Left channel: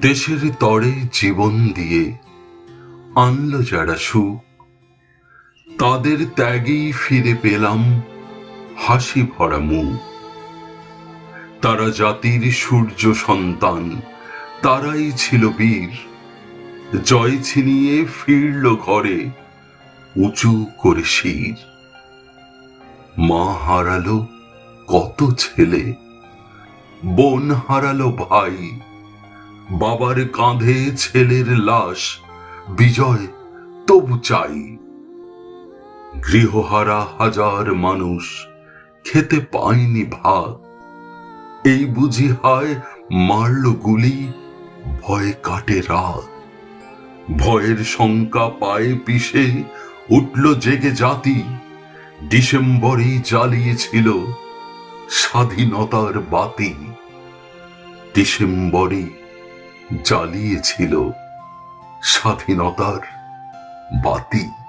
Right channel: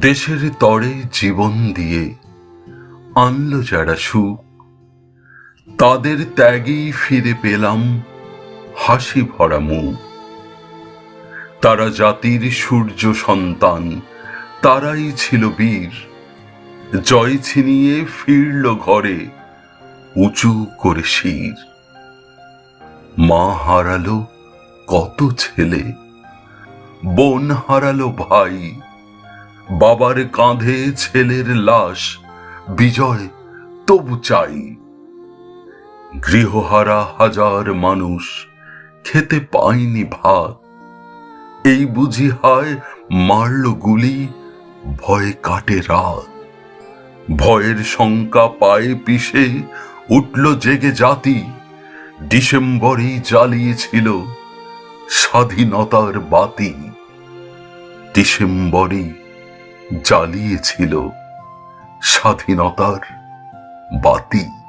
দেশের তরে জীবন দিয়ে আনলো যারা সুখ, তাদের ত্যাগেই ফিরে পেলাম হাসি ভরা মুখ। তারা জাতির সূর্য সন্তান, তারাই ছিল বীর। জয় ছিনিয়ে ফিরল ঘরে উঁচু করে শির। মা হারালো কত ছেলে, বোন হারালো ভাই, বাবার কাঁধে ছেলের লাশ, বিজয় তবু চাই। গৃহহারা হাজার মানুষ খেতে পায়নি ভাত, এই বুঝি হায় মারল গুলি, ভয়ে কাটে রাত। ভয়ের শঙ্কা পায়ে পিষে উঠল জেগে জাতি, ডিসেম্বরেই জ্বালিয়েছিল স্বাধীনতার বাতি। ডিসেম্বরই জ্বালিয়েছিল স্বাধীনতার বাতি।